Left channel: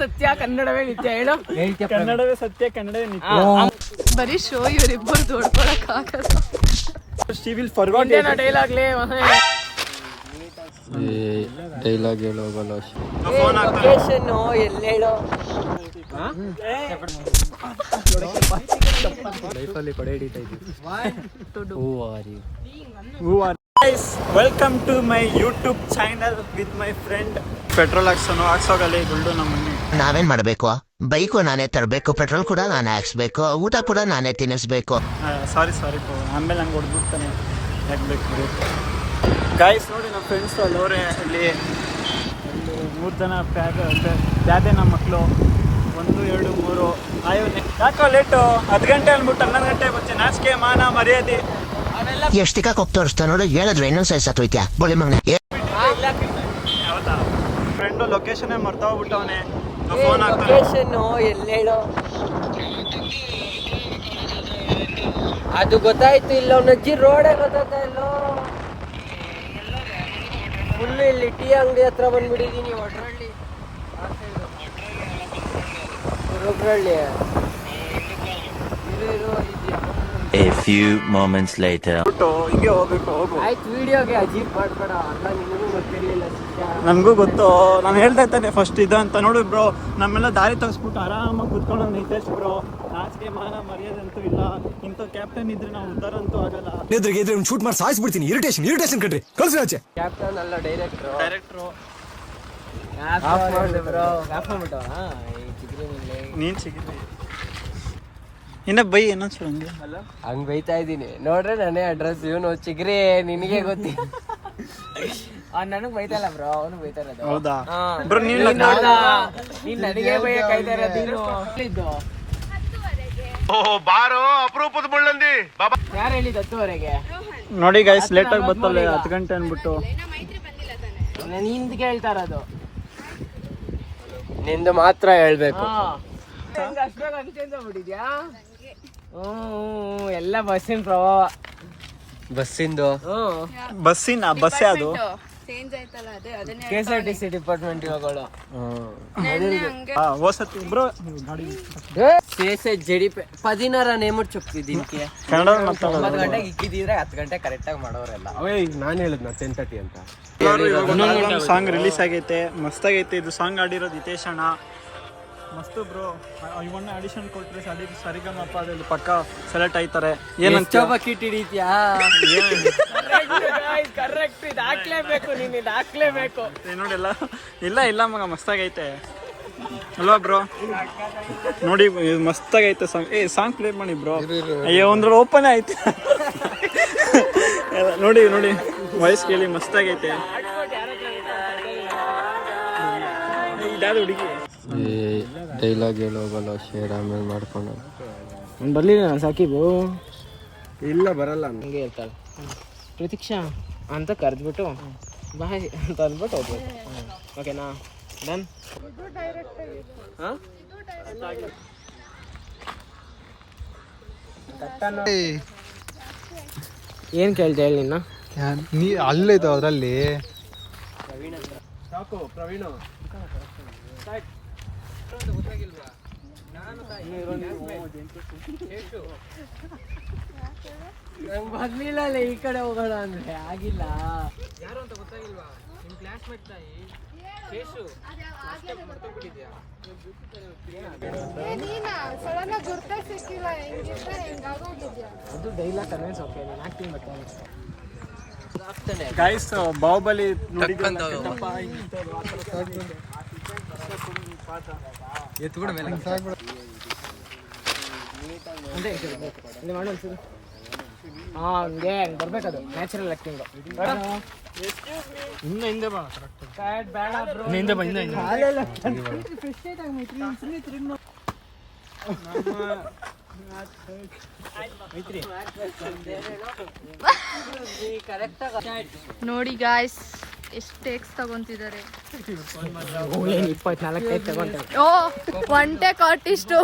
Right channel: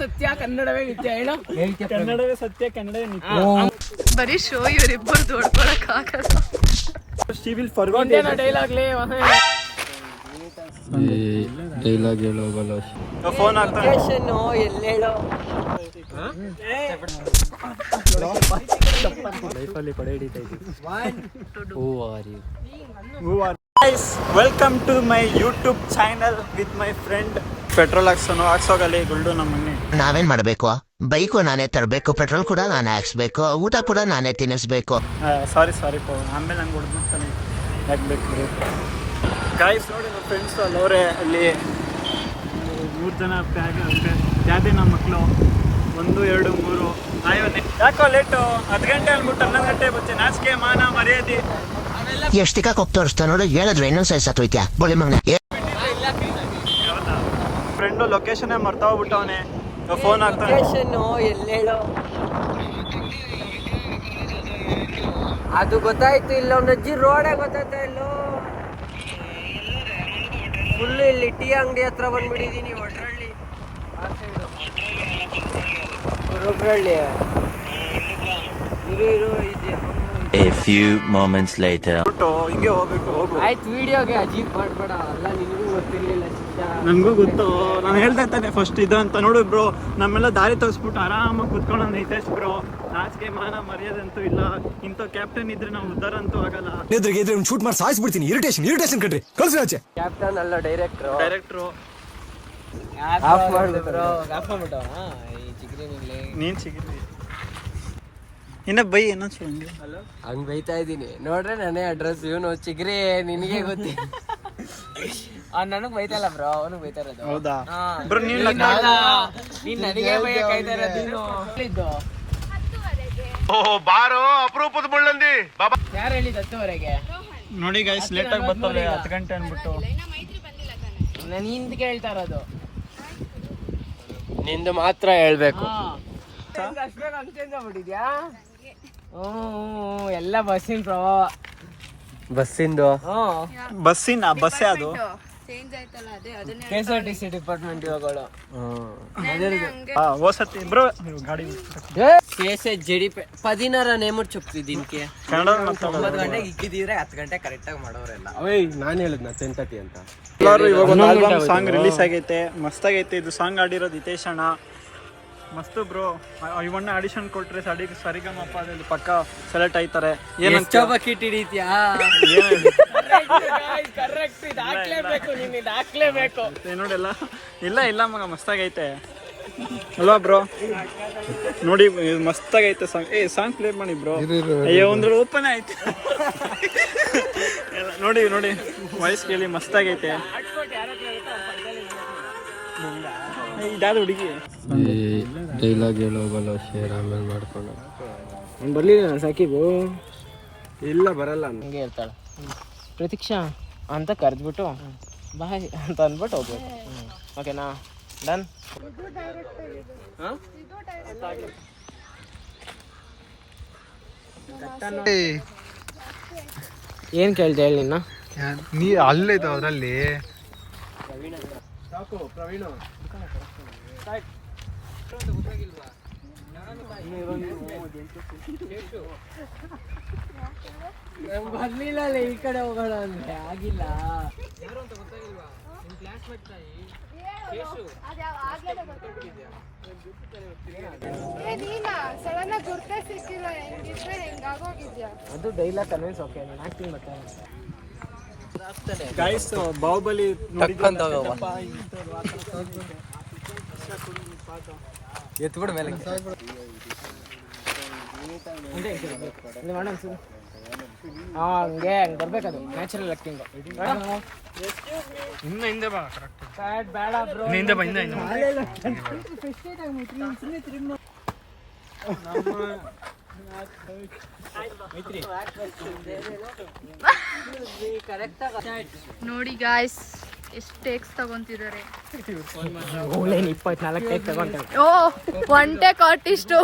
ಸತ್ಯ ಕನ್ನಡವೇ ನಿತ್ಯ ಹೇಳು. ಕನ್ನಡವೇ ಸತ್ಯ ಕನ್ನಡವೇ ನಿತ್ಯ. ಬರೀ ಶೋ ಇವರಿಬ್ಬರು ದೊಡ್ಕೊಳಕ್ ಆಗಲ್ಲ. She will forget it. Dialogue ಹೇಳೋವಲ್ಲ. ಫೋನ್ ಲೊಕೇಶನ್ ಎಲ್ಲಿ ಹೇಳು. ಲೈಫಲ್ಲಿ ಕೊಡೆ ಹಿಡಿತಾ ಇದ್ದೀವಿ. Guys, welcome to my YouTube channel with my friend. Petrol ಹಾಕ್ಸೋಗಲ್ಲಿ ಗುಲ್ಡು ನಮ್ಮನ್ನಿ. ನಾವೇನ್ ಮಾಡಬೇಕು? ಬೈಕು ನಾನೇ ತರಬೇಕು, ಪೆಟ್ರೋಲ್ ಕೂಡ ನಾನೇ ಹಾಕ್ಸ್ಬೇಕು, ಊಟ ಕೂಡ ನಾನೇ ತಿನ್ನಿಸ್ಬೇಕು. ಸಾರಿ ಆಮೇಲೆ ನಂಗೆ ಹೊಡ್ಬಿಡ್ತಾನೆ. ಯಾಕೆ ಬೇಕು ಗಾಯ್ಸ್? ನೋಡಿ ನಮ್ಮ ಫ್ರೆಂಡ್ಸ್ ಅಲ್ಲವ್ರೆ ಅಲ್ಲಿ 3 ಜನ ಪ್ಯಾದೆ ನಮ್ಮ ಮಕ್ಕಳು. 1 2 3 ಯಾಕೋ ಲೇಟು? 10 ಗಂಟೆ ಅಂದ್ಬಿಟ್ಟು 11 ಗಂಟೆ ಬಚ್ಚೆ. ನಾಚಿಕೆ ಮಾನ ಮರ್ಯಾದೆ ಎಷ್ಟು ತಿಕ್ಕ ಹೋಗ್ತಾ ತೋರಿಸ್ತಾ ನೋಡು. ಹೇಳಿದ್ರು ಇನ್ನೊಂದು ಸೈಜ್ ಸತ್ತೋಯ್ತ್ಯಾ ಬೋಳಿ ಮಗನ. ಹೌದಾ? ಫ್ರೆಂಡು ಲೊಕೇಶನ್ ಮರ್ತಾ ಹೋಗ್ಬಿಟ್ಟವನೆ. ಫೋನ್ ಹಾಕ್ತಾನೆ. ಲೊಕೇಶನ್ ಎಲ್ಲಿ ಹೇಳು. ಅದು ಗೊತ್ತಾಯ್ತು ಇಲ್ಲ. ನಜ್ಜಿ ರೋಡೇ ಗೊತ್ತಾಯ್ತಾ ಇಲ್ಲೋ. ಫುಲ್ಲು ಇಲ್ಲಿ ಟೀ ಅಂಗಡಿ ಹತ್ರ ಬಂದ್ಬಿಟ್ಟಿದ್ದೀನಿ. ಒಡ್ರಳ್ಳಿ ಇರು A few moments later. ಹಿಂಗೆ ಹೋಗ್ಬೇಕು. ಹೋಗು ಆಯ್ತು. ವಿಡಿಯೋಗೆ ಅಜೀಬ್ ಮಾಡ್ಬೇಡ. ಅಲ್ಲ ನಿನಗೂ ಗೊತ್ತಿರ್ಲಿಲ್ಲ. ನನಗೂ ಗೊತ್ತು. ನಾನು ಹೇಳ್ತಾ ಇದ್ದಾನೆ ಫಸ್ಟ್ ಇದು ಅಂತ. ನೋಡು ಬ್ರೋ, ನಮ್ಮೆಲ್ಲ ದಾರಿ ತೋರಿಸ್ಬಿಟ್ಟು ಆರಾಮಾಗಿ ಕುತ್ಕೊಂಡು ನಿತೇಶ್ ಬ್ರೋ. ನಾಚಿಕೆ ಮಾನ ಮರ್ಯಾದೆ ಅಂತೂ ಇಲ್ಲ. ಇಂಥ ಕ್ಯಾಪ್ಟನ್ ಇದ್ರೆ ನಾವು ಉದ್ಧಾರ ಅಂತೂ ಆಗಲ್ಲ. ಇದ್ರೆ ಶೂಟ್ ಮಾಡಿ ಸಾಯಿಸ್ಬಿಡ್ತೀನಿ. ಇರಿಟೇಷನ್ ಕಟ್ರಿ ಕಳ್ಸಿ ಆಚೆ. ಕ್ಯಾಪ್ಟನ್ ಅಲ್ಲ ಡೈರೆಕ್ಟ್ರು. ಬ್ರೋ ಆಫ್ ಮಾಡ್ಬಿಟ್ಟವ ಈ ಚಿಗ್ರಿ ನೀನ್ ಸಿಗಿದ್ರಿ. ಇನ್ನ ಬೈ ಏನನ್ಸು ಹಂಗೆ ಹಂಗ್ ಬೈತಾ ಇದ್ದೀನಿ ನೋಡ್ರೆ. ನಾನೇ ಅಡ್ರೆಸ್ ಇವನು ಚಿಗ್ರಿ ನಿನಗೆ ಗೊತ್ತಿ. ನನಗ್ ಬೈತಲ್ಲ ಬ್ರೋ, ಅವನು ಬೈತಾ ಇರೋದು. ಹೌದಾ ಬ್ರೋ? ನೀನ್ ನನಗೆ ಬೈಯ ಕಾಯ್ತಾ ಇರೋದು. ಬಾರೋ ಅಪರೂಪದ ಮುಳ್ಳಂದಿ. ಯಾರು ಹೇಳಿದ 10ವರೆಗೆ? ನೋಡಿ ಗೈಸ್, ಲೇಟ್ ಆಗಿ ಬರ್ತಲ್ಲ 10 ಗಂಟೆ ಅನ್ಬಿಟ್ಟು. ನಾನು ಹಿಂದ್ ಕೇಳ್ತಾ ಇರೋದು. ನಿಂದು ಮಾತ್ರ ಹೇಳ್ಬೇಕು. ಎಲ್ಲ ಬಸ್ಸಿನ ಪ್ರಭಾವ. ಬಸ್ಸಿಂದು ಬಸ್ಸೇ ಅದು. KSRTC ಡಿಪಾರ್ಟ್ಮೆಂಟ್ ಇವಾಗಳು. ఓసతి బ్రో గాడి KSJDP 10 ನೇಮಟ್ ಚಪ್ತಿ ದಿನಕ್ಕೆ ಕನ್ನಡ ಮಾತಾಡೋದು. 9 ಗಂಟೆಗೆ ಇಕ್ಕಿದ್ರೆ 10 ಗಂಟೆ ಕರೆಕ್ಟ್ ಆಗಿ ಮಾಡೋರೆಲ್ಲ. ನಾನು ಹೇಳಿದ್ನ 10:30 ಅಂತ. ಎಲ್ಲರೂ ಇವಾಗ ಒಂದು ಆಲ್ಬಮ್ ಸಾಂಗ್ ರಿಲೀಸ್ ಆಗೈತೆ. ಮಸ್ತಾಗೈತೆ ಇದು ಸಾಂಗ್. ಆಡಿರೋದು ಹಿತೇಶ್ ಅಣ್ಣ. ಮಸ್ತು ಬ್ರೋ. ಇವನ್ನ ಆಡಿಷನ್ ಕೊಟ್ರೆ ಸರಿಗಮಪ ಅದಲ್ಲಿ ಪಕ್ಕ ಸೆಲೆಕ್ಟ್ ಆಯ್ತಾರೆ. ಏನಂತ ಬಕೆಟ್ ಹಿಡಿತ್ಯಾ? ಕರೆಕ್ಟ್ ಇದು ಹಾಕ್ಲೇಬೇಕು. ನೀನು ಇದು ಹಾಕ್ಲೇಬೇಕು ನೋಡಿಲ್ಲ. ಇಲ್ಲ ಮಗ ಮಸ್ತಾಗೈತೆ ಅಲ್ವಾ ಬ್ರೋ? ನೋಡಿ ಮಸ್ತಾಗೈತೆ ಸಾಂಗ್. ಸಾಂಗ್ ಪ್ಲೇ ಮಾಡಿ ಬ್ರೋ. ಅಯ್ಯೋ ಒಂದ್ರ ಓಪನ್ ಆಯ್ತು. ನೋಡಿ ವಾಯ್ಸ್ ಕೇಳಿ ಮಸ್ತಾಗೈತೆ. ಇದಾದ ಹುಡುಗಿ ಡೈಲಾಗ್ ಹೇಳೋವಲ್ಲ. ಶೇರ್ ಆಮೇಲೆ ಮಾಡ್ಕೊಂಡು ಬರ್ಲಿಲ್ಲ ಸಾಕಿಬು. ಇಲ್ಲ ಬರಲ್ಲ ಹಂಗೆ ಹೇಳ್ತಾಳೆ. ಪ್ರತೀಕ್ಷಾ ಅಂತ ಕರೆದ್ಬಿಟ್ಟು ಬಾಯ್ ಅಂತ ಅಂದ್ಬಿಟ್ಟು ಹೋಗ್ಬೋದು. ಓಕೆನಾ? ಡನ್. ಏನ್ ಕೇಳ್ದೆ ಹೇಳಿ ನಿನ್ನ? ನೀ ಅಲ್ಲೈತು ಅದರಲ್ಲಿ. ಸಾಕು ಪ್ರವೀಣ್. ಗೊತ್ತಾಗಿಲ್ವಾ? ಬರ್ಲಿಲ್ಲ ಈ ಕಡೆ ಹೋಗೋಣ ಅಂದ್ರೆ ಆಗಿಲ್ಲ. ಯಾರು ಅಂತ ಗೊತ್ತಾಗಿಲ್ವಾ? ನಿಮ್ ಕ್ಲಾಸ್ಮೇಟ್ ತಾಯಿ ಶೇಷು. ಮರ್ತೋಗ್ಬಿಟ್ಟಿದ್ಯಾ? ಅದು ಡೈಲಾಗ್ ಕನ್ವಿನ್ಸ್. ಓಕೆ ಆಕ್ಟಿಂಗ್ ಮತ್ತೆ ಗೈಸ್ ಬಾಹುಬಲಿ ನೋಡಿದ್ರಲ್ಲ. ಎತ್ಬಿಡ ಮೇಲೆ ಹಂಗೆ ಬರ್ಬೇಕದು. Natural acting. ಹಿಂದೆ ಬಾ. ನೋಡಿ ಗಾಯ್ಸ್ ಎಷ್ಟು ಟೇಕ್ಸ್ ತಗೊಂತಿದ್ದಾರೆ. 24 ಟೇಕ್ ತಗೊಂತಾರೆ. ಓ 1 ಟೇಕ್ ಆರ್ಟಿಸ್ಟು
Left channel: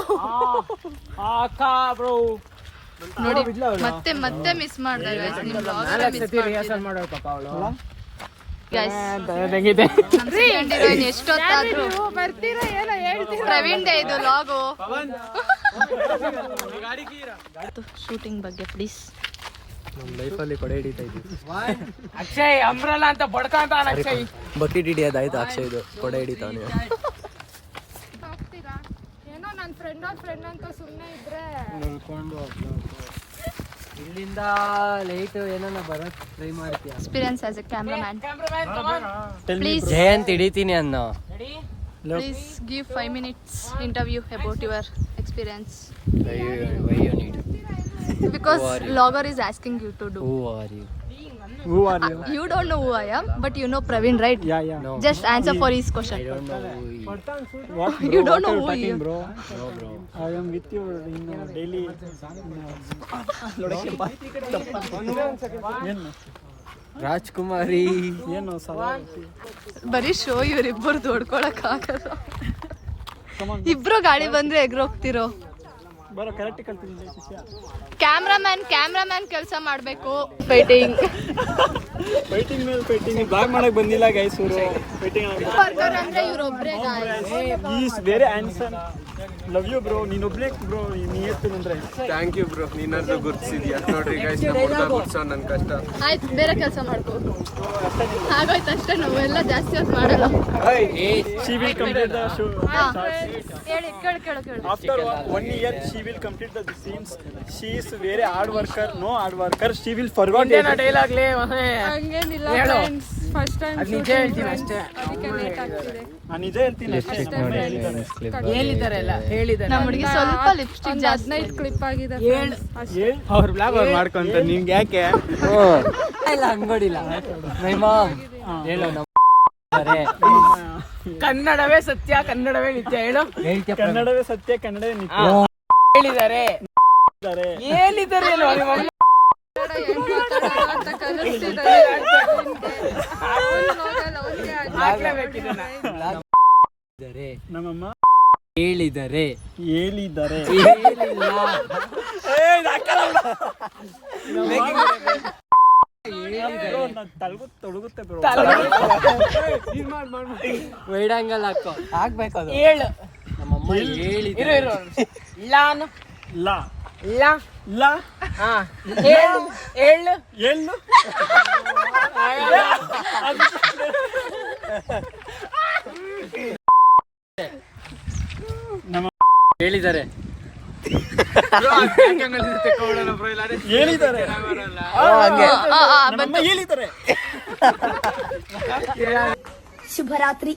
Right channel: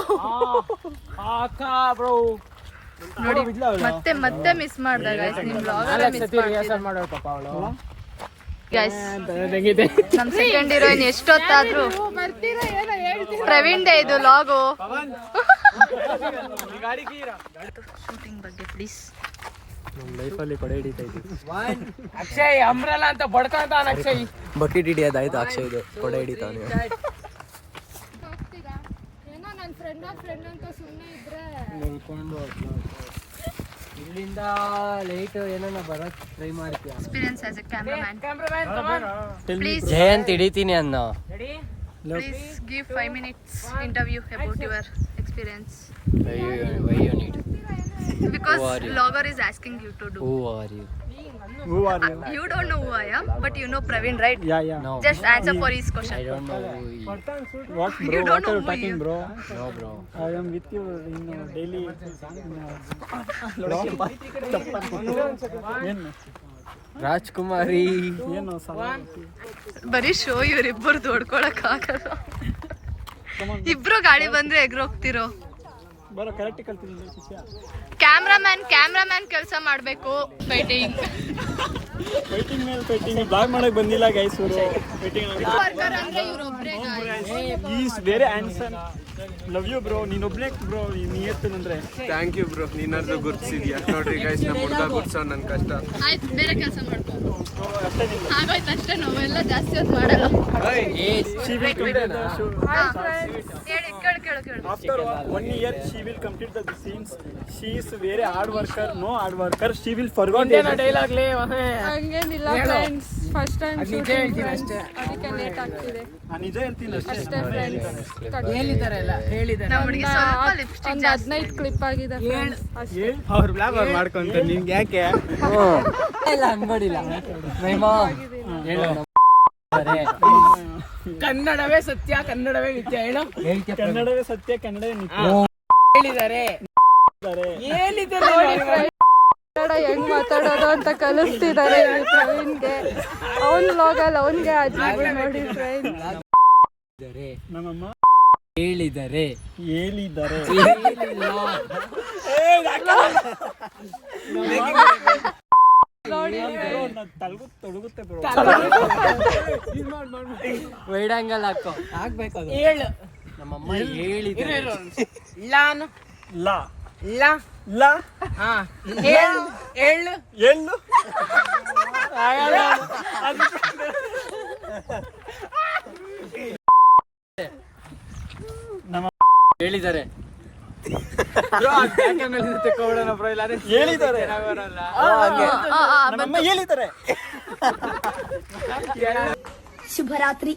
ನೋಡಿ. ಮತ್ತೆ ಮಿಸ್ ಮಾಡ್ದ ಗಾಯ್ಸ್. ನಿಮ್ ಬ್ಲಾಗ್ ಅಲ್ಲ ಮಿಸ್ ಮಾಡ್ತಿದ್ದೆ. ಮಾಡೋರು ಪಾಪ ಅವಳು. ನಮ್ ಸೆಕೆಂಡ್ ಹೀರೋಯಿನ್ ಎಷ್ಟೊತ್ತಾದ್ರೂ ಪ್ರವೀಣ್ ದೇ ಇದು ಲಾಗು. ಶೂಟಿಂಗ್ ಬಗ್ಗೆ ಪ್ಲೀಸ್. ನಮ್ಮ ಲೈಫಲ್ಲಿ ಕೊಡೆ ಹಿಡಿತಾ ಇದ್ದೀವಿ. ಅಕ್ಷಯ್ ಅಂಬ್ರಲ್ಲ ಅಂತ ಬಡ್ತಾ ಅಕ್ಷಯ್. ಬಕೆಟ್ ಹಿಡಿಯೋದಾಯ್ತು ಅಕ್ಷಯ್ ಇದು ಕೊಡೆ ಹಿಡಿತಾನೆ. ಏನೋ ನನ್ನ ಫ್ರೆಂಡ್ ಅಂತ ಸುಮ್ಮನೆ ಇದ್ರೆ ಇಲ್ಲಿಂದ ಲೈಟ್ ಏನನ್ನ ಬರಕ್ ಟ್ರೈ ಮಾಡ್ತೀಯ. Experience as a cameraman. Please Jayanth ಹಿಡಿತೀನಿ ಅನ್ನೋ. Please give 5 minutes interview about your experience. Why you need? Because vlogger is asking you to do. Who are you? Who are you? You don't know who I am, but you know Praveen, right? Yeah. No. Just answer for his question. I don't know who he is. What bro? You don't What know are you who he talking, is. bro? No bro. I am with you in daily. ಏನು ರಾಜ್ಕುಮಾರಿ. ಏನು ಸಲ ಬರೀ show ಇವ್ರಿಬ್ಬರು ದೊಡ್ಕೊಳಕ್ ಆಗಲ್ಲ. ಇಬ್ರು ಗಾಡಿ ಬಂದ್ರೆ ಎಗ್ರೋಗ್ತಿರೋ. ಬರೋ correct ಕಲ್ತೀನಿ ಶಿಷ್ಯ. ಕ್ಯಾಮ್ರಾಮ್ಯಾನ್ ಕೆಲಸ ಮಾಡ್ಬೇಕು. ಫೈಟಿಂಗ್ ಬ್ಲಾಗ್ ಮಾಡಕ್ ಬಂದಿಲ್ಲ ಗೈಸ್ ಇವರು. ಅಂದ್ರೆ ಇವ್ರೊಬ್ರೆ is very handsome. Love you bro. ನೀನೊಬ್ನೇ ಬ್ರೋ ನೀತ್ತು ಅಂದ್ರೆ. Thank you bro. ನೀನಾದ್ರೂ ಗುರ್ತಿಸಿದ್ಯಾ ನೋಡ್ರಿ ಗೈಸ್, ನಮ್ಮ ಹುಡುಗ ಗುರ್ಸೋ ನನ್ನ ಕಷ್ಟ. ಆಯ್ತು, ಬೇರೆ ಕೆಲಸ ಮಾಡ್ಕೋ. ಆಗೋಯ್ತು ಅಷ್ಟೇ, ನಾವೆಲ್ಲ ಜಾಸ್ತಿ ಹೊತ್ತು ಮಾಡಲ್ಲ. She will complete the show. ಕೇಳು. After 1 year, she will complete the scenes. She is very hard worker. No hard worker. She will forget. Dialogue ಲೇ. ಹಂಗೇನಿಲ್ಲ friends, first time shooting friends, ಅದಕ್ಕೆ ಲೇಟ್ ಆಗ್ತಿದೆ ನಿಜ ಹೇಳ್ತೀನಿ ಅಷ್ಟೇ. ಹೇಳಿದ್ದಾರೆ ನಮ್ಮ ಹುಡುಗಿ ಸ್ವಲ್ಪ ಲಿಪ್ಸ್ಟಿಕ್ ಒಂದು 15 ಕ್ಲಿಪ್ ಆಗಿದೆ ಫ್ರೆಂಡ್ಸ್ ಅಷ್ಟೇ. ಅವ್ರ ಬ್ಲಾಗ್ ಮಾಡ್ಕೊಂತ ನಿಮ್ಗೆ ಯಾಕೆ ಇಲ್ಲ ಹಂಗೋಡಿಲ್ಲ. ಮೈ ಮಾಮ್ ಹೇಳು. ಕನ್ನಡವೇ ಸತ್ಯ, ಕನ್ನಡವೇ ನಿತ್ಯ. ಹೇಳು. ಕನ್ನಡವೇ ಸತ್ಯ, ಕನ್ನಡವೇ ನಿತ್ಯ. ಹೇಳಿದ್ದಾರೆ. ಕನ್ನಡ ಹೆಂಗ್ ಮಾತಾಡೋದು ಅಂತ ಕಲಿಸ್ತಿದ್ದಾರೆ ಪ್ರವೀಣ್ಗೆ. ಅವ್ನ ಲಾಗಲ್ಲಿ ಅವನಿಗೆ ಅಡ್ಜಸ್ಟ್ ಮಾಡಿ ನಮ್ಮಮ್ಮ ಹೇಳಿದ್ದಾರೆ. ಹೇಳಿದ್ದಾರೆ. ತೊಡಗುತ್ತೆ ಬ್ರೋ. ವೈಡ್ ಆಂಗಲ್ ಹಾಕೋ. ಆಗ್ಬೇಕು ಅದು. ಹೇಳು. ನಮ್ಮಮ್ಮ ಹೇಳಿದ್ದಾರೆ. ಲಾ ಲಾ ಲಾ ಹಾ ಹೇಳು. ಹೇಳು. ಎಳ್ಳು ನಮ್ಮ ಹೇಳಿದ್ದಾರೆ. ಹೇಳಿದ್ದಾರೆ. ನಮ್ಮಮ್ಮ ಹೇಳಿದ್ದಾರೆ. ಶುಭರಾತ್ರಿ.